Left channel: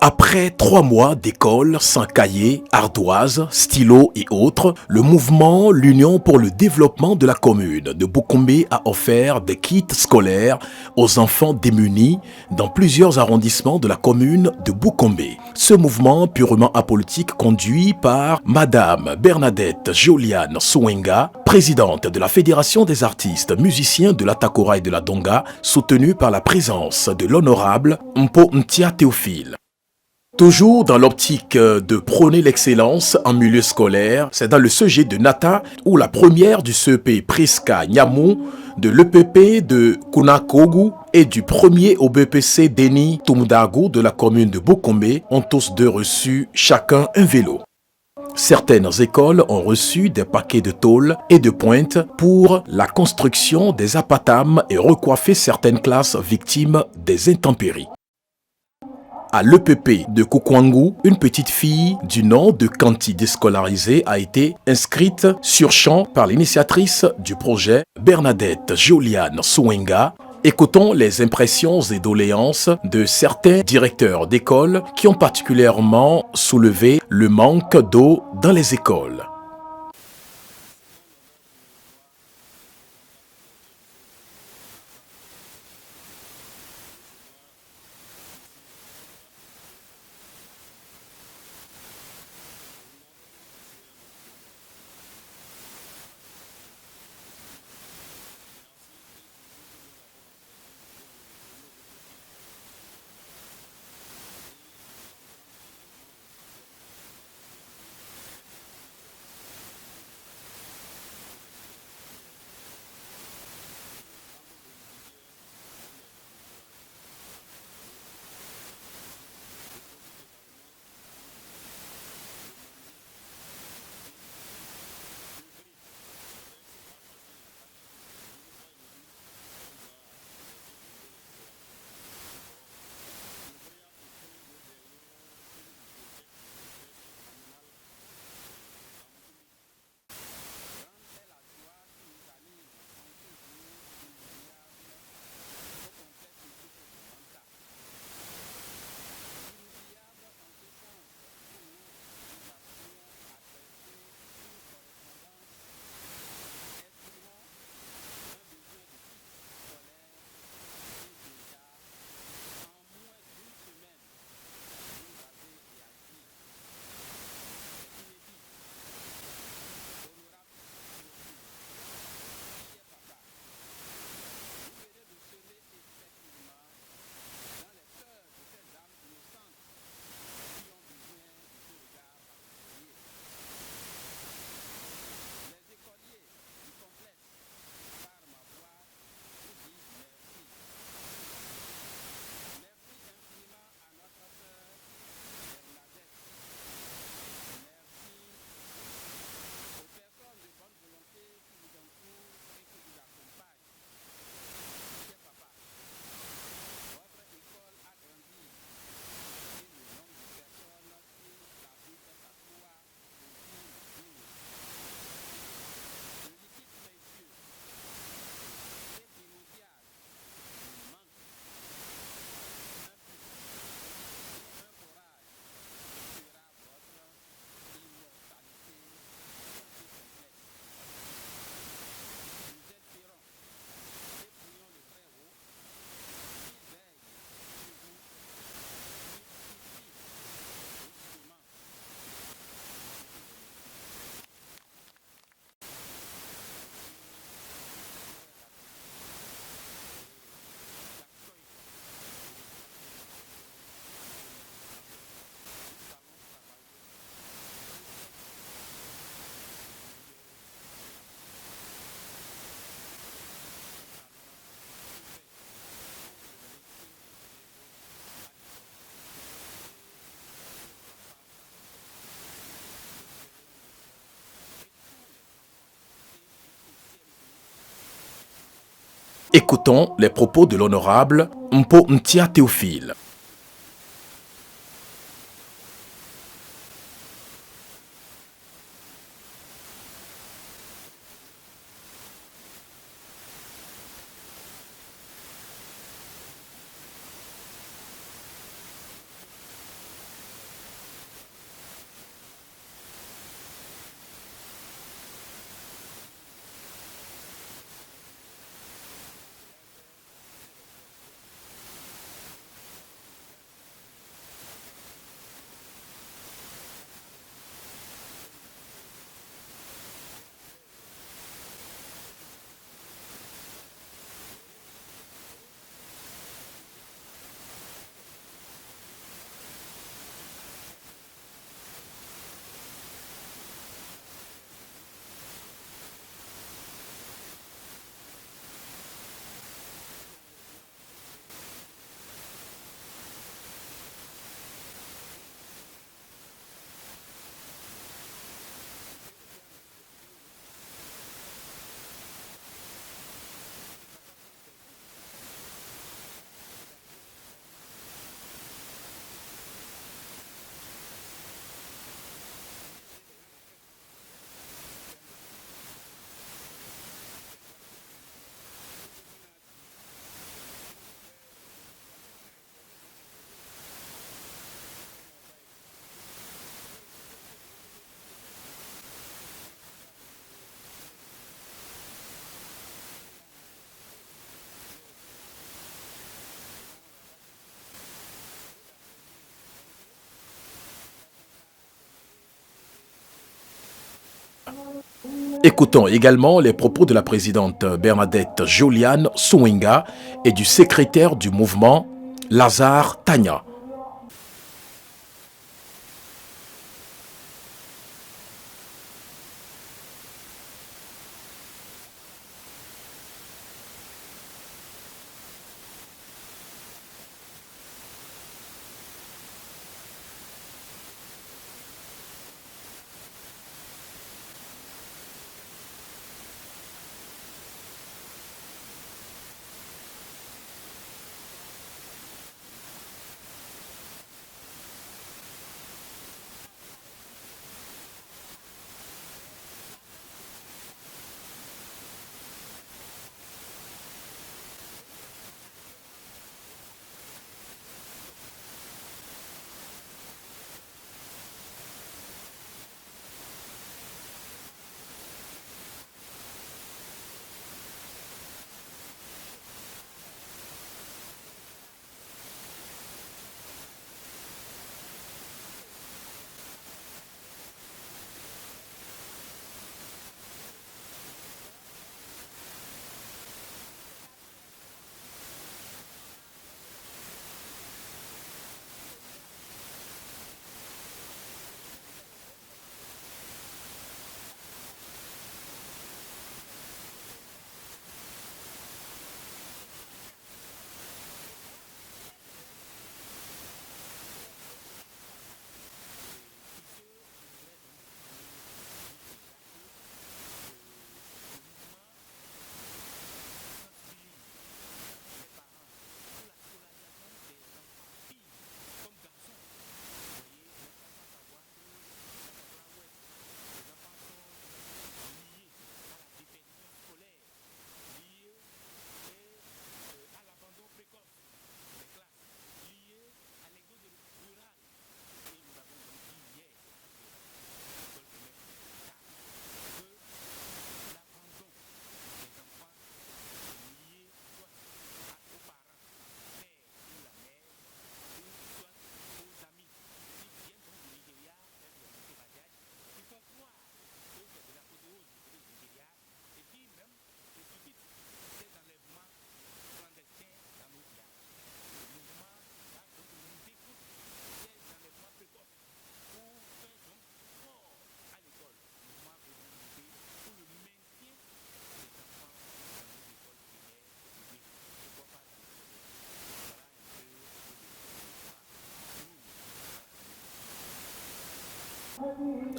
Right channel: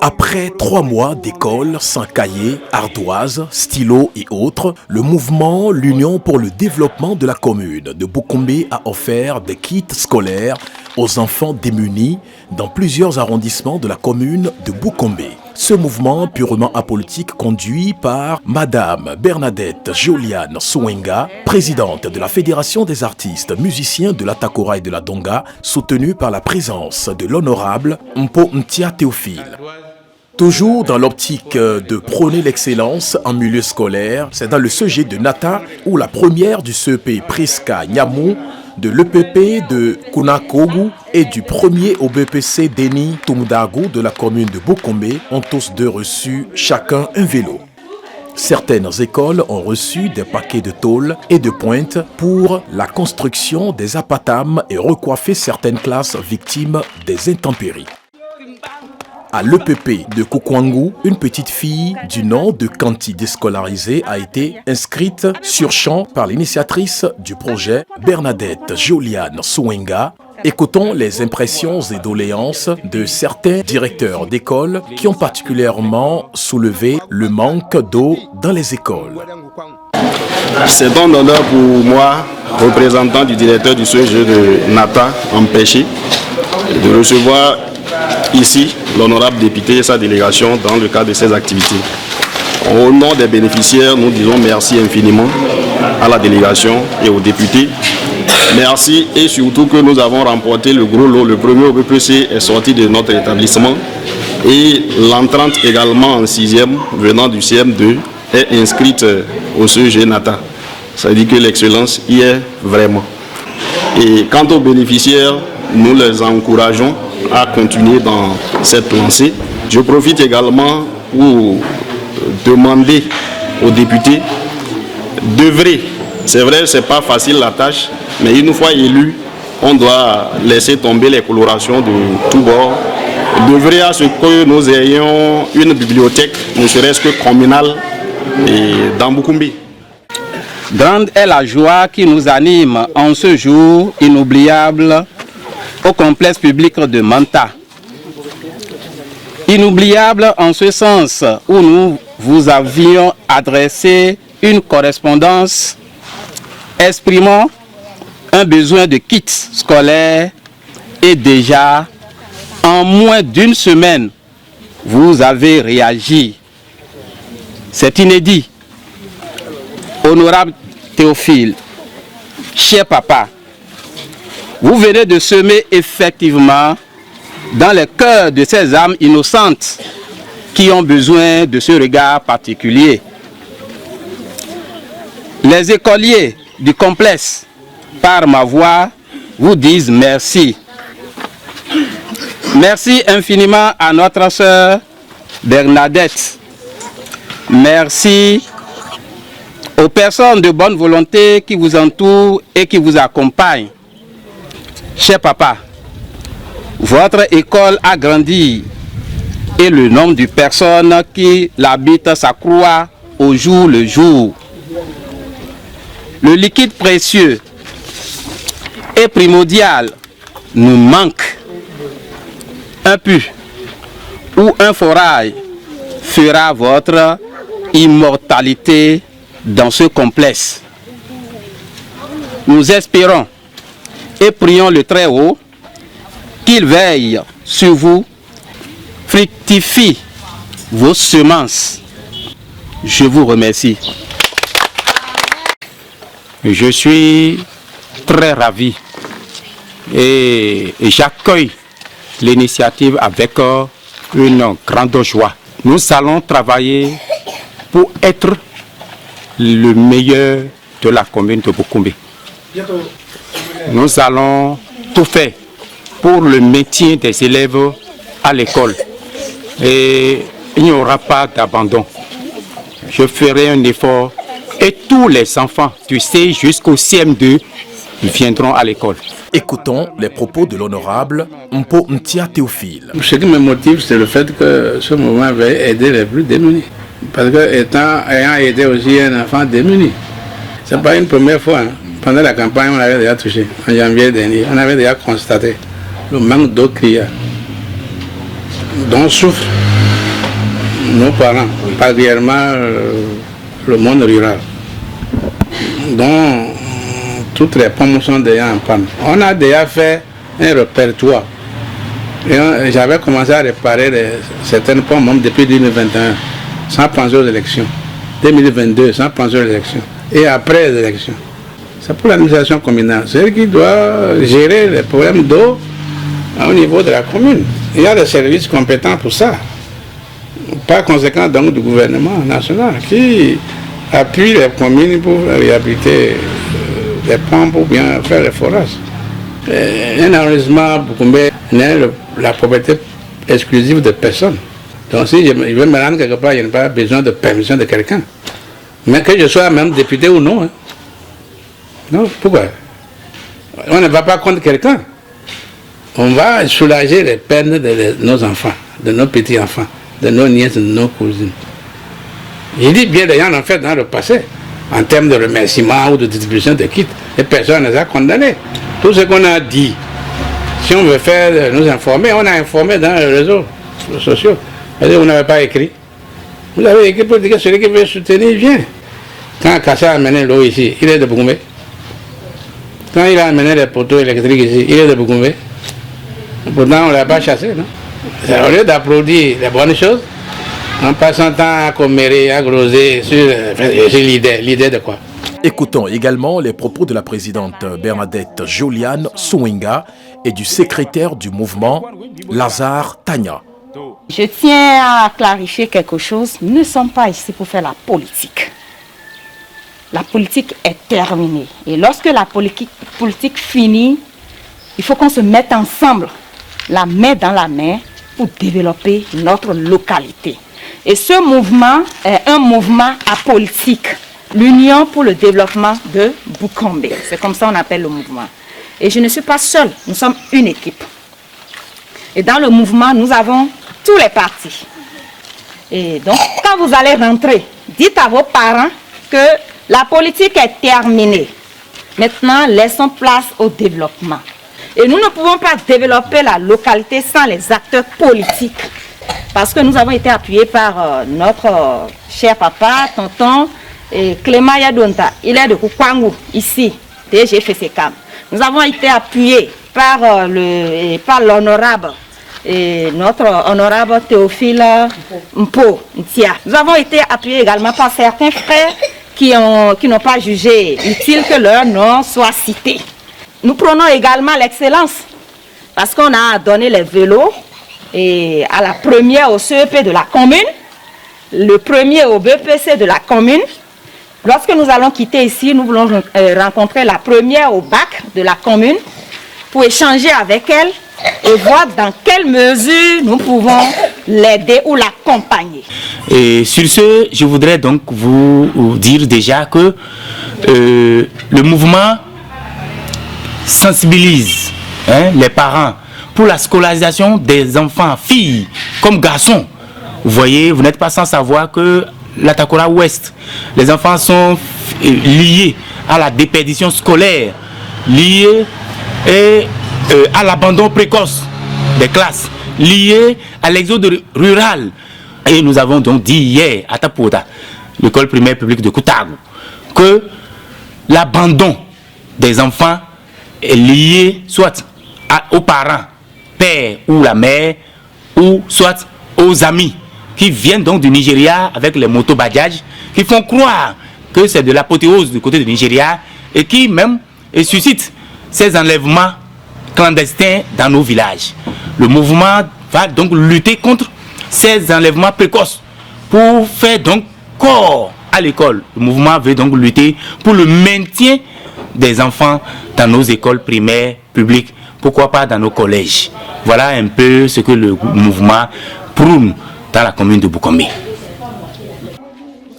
Après 3 mois d'école sans cahier, ardoise, stylo et autres, le mouvement L'Union pour le développement de la commune de Boukombe a offert des kits scolaires aux enfants démunis dans plusieurs arrondissements de la commune de Boukombe. Ce mouvement purement apolitique conduit par Madame Bernadette Joliane Souenga, présidente de la Fédération des artistes musiciens de la Takora et de la Donga, soutenue par la présence de l'honorable Mpo Ntia Théophile. Toujours dans l'optique de prôner l'excellence en milieu scolaire, c'est dans le CEG de Nata où la première du CEP Priska Nyamou, de l'EPP de Kunakogu et du premier au BPC Deni Tumudagu de la commune de Boukombe ont tous deux reçu chacun un vélo. Certaines écoles ont reçu des paquets de tôle et de pointe pour la construction des apatams et recoiffer certaines classes victimes des intempéries. À l'EPP de Koukwangu, une petite fille du nom de Kanti déscolarisée a été inscrite sur champ par l'initiatrice du projet, Bernadette Joliane Souenga. Écoutons les impressions et doléances de certains directeurs d'école qui ont particulièrement soulevé le manque d'eau dans les écoles. C'est un honneur pour moi, représentant du directeur du CEG de Nata, empêché, de recevoir ici l'honorable député et sa délégation dans le cadre de ces activités. Au nom des bénéficiaires, nous disons merci infiniment à la délégation et aux députés. Merci et surtout que nous avons remporté le gros lot. Le premier au BPC est sorti de notre établissement et l'entrante également en 6e venant du CM2 est inscrite au CEG Nata. Ça veut dire que l'excellence y est vraiment. Et quant aux bénéficiaires, nous les encourageons à continuer dans cette lancée. Je profite également pour demander aux députés d'œuvrer. C'est vrai, ce n'est pas facile la tâche, mais une fois élu, on doit laisser tomber les colorations de tous bords. D'œuvrer à ce que nous ayons une bibliothèque, ne serait-ce que communale, dans Boukombe. Grande est la joie qui nous anime en ce jour inoubliable au complexe public de Manta. Inoubliable en ce sens où nous vous avions adressé une correspondance exprimant un besoin de kits scolaires et déjà en moins d'une semaine vous avez réagi. C'est inédit. Honorable Théophile, cher papa, vous venez de semer effectivement dans les cœurs de ces âmes innocentes qui ont besoin de ce regard particulier. Les écoliers du complexe, par ma voix, vous disent merci. Merci infiniment à notre sœur Bernadette. Merci aux personnes de bonne volonté qui vous entourent et qui vous accompagnent. Cher papa, votre école a grandi et le nombre de personnes qui l'habitent s'accroît au jour le jour. Le liquide précieux et primordial nous manque. Un puits ou un forage fera votre immortalité dans ce complexe. Nous espérons et prions le Très-Haut qu'il veille sur vous, fructifie vos semences. Je vous remercie. Je suis très ravi et j'accueille l'initiative avec une grande joie. Nous allons travailler pour être le meilleur de la commune de Boukombe. Nous allons tout faire pour le maintien des élèves à l'école et il n'y aura pas d'abandon. Je ferai un effort et tous les enfants du C jusqu'au CM2 viendront à l'école. Écoutons les propos de l'honorable Mpo Ntia Théophile. Ce qui me motive, c'est le fait que ce mouvement va aider les plus démunis. Parce que ayant aidé aussi un enfant démuni, ce n'est pas une première fois. Pendant la campagne, on avait déjà touché. En janvier dernier, on avait déjà constaté le manque d'eau criard. dont souffrent nos parents, particulièrement le monde rural, dont toutes les pommes sont déjà en panne. On a déjà fait un répertoire. Et j'avais commencé à réparer certaines pommes même depuis 2021, sans penser aux élections. 2022, sans penser aux élections. Et après les élections. C'est pour l'administration communale. C'est elle qui doit gérer les problèmes d'eau au niveau de la commune. Il y a des services compétents pour ça. Par conséquent, donc, du gouvernement national qui appuie les communes pour réhabiliter les pompes ou bien faire les forages. Un arrondissement Boukoumé n'est la propriété exclusive de personne. Donc si je veux me rendre quelque part, il n'y a pas besoin de permission de quelqu'un. Mais que je sois même député ou non. Hein. Non, pourquoi? On ne va pas contre quelqu'un. On va soulager les peines de nos enfants, de nos petits-enfants, de nos nièces, de nos cousines. Je dis bien, les gens l'ont fait dans le passé, en termes de remerciements ou de distribution de kits, et personne ne les a condamnés. Tout ce qu'on a dit, si on veut faire nous informer, on a informé dans les réseaux sociaux. C'est-à-dire, vous n'avez pas écrit. Vous avez écrit pour dire que celui qui veut soutenir vient. Quand Kassa a amené l'eau ici, il est de Boukoumé. Quand il a amené les poteaux électriques ici, il est de Boukoumé. Pourtant, on ne l'a pas chassé, non? Au lieu d'applaudir les bonnes choses, en passant temps à commérer, à groser sur l'idée de quoi? Écoutons également les propos de la présidente Bernadette Joliane Souinga et du secrétaire du mouvement Lazare Tanya. Je tiens à clarifier quelque chose. Nous ne sommes pas ici pour faire la politique. La politique est terminée. Et lorsque la politique finit, il faut qu'on se mette ensemble, la main dans la main, pour développer notre localité. Et ce mouvement est un mouvement apolitique. L'Union pour le développement de Boukombe. C'est comme ça qu'on appelle le mouvement. Et je ne suis pas seule, nous sommes une équipe. Et dans le mouvement, nous avons tous les partis. Et donc, quand vous allez rentrer, dites à vos parents que la politique est terminée. Maintenant, laissons place au développement. Et nous ne pouvons pas développer la localité sans les acteurs politiques. Parce que nous avons été appuyés par notre cher papa, tonton, et Clément Yadonta. Il est de Koukouangou, ici, DGFCCAM. Nous avons été appuyés par l'honorable, notre honorable Théophile Mpo Ntia. Nous avons été appuyés également par certains frères qui n'ont pas jugé utile que leur nom soit cité. Nous prenons également l'excellence parce qu'on a donné les vélos et à la première au CEP de la commune, le premier au BPC de la commune. Lorsque nous allons quitter ici, nous voulons rencontrer la première au bac de la commune pour échanger avec elle et voir dans quelle mesure nous pouvons l'aider ou l'accompagner. Et sur ce, je voudrais donc vous dire déjà que le mouvement sensibilise les parents pour la scolarisation des enfants, filles comme garçons. Vous voyez, vous n'êtes pas sans savoir que la Takora Ouest, les enfants sont liés à la déperdition scolaire, liés à l'abandon précoce des classes, liés à l'exode rural. Et nous avons donc dit hier à Tapota, l'école primaire publique de Koutago, que l'abandon des enfants est lié soit aux parents, père ou la mère, ou soit aux amis qui viennent donc du Nigeria avec les motos Bajaj, qui font croire que c'est de l'apothéose du côté du Nigeria et qui même suscitent ces enlèvements clandestins dans nos villages. Le mouvement va donc lutter contre ces enlèvements précoces pour faire donc corps à l'école. Le mouvement veut donc lutter pour le maintien des enfants dans nos écoles primaires publiques, pourquoi pas dans nos collèges. Voilà un peu ce que le mouvement prône dans la commune de Boukombe.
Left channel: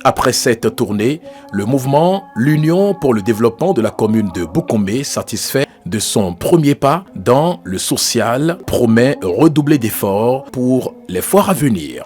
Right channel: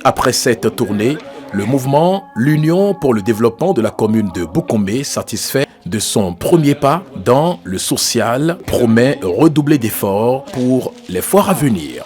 Après cette tournée, le mouvement L'Union pour le développement de la commune de Boukombe, satisfait de son premier pas dans le social, promet redoubler d'efforts pour les fois à venir.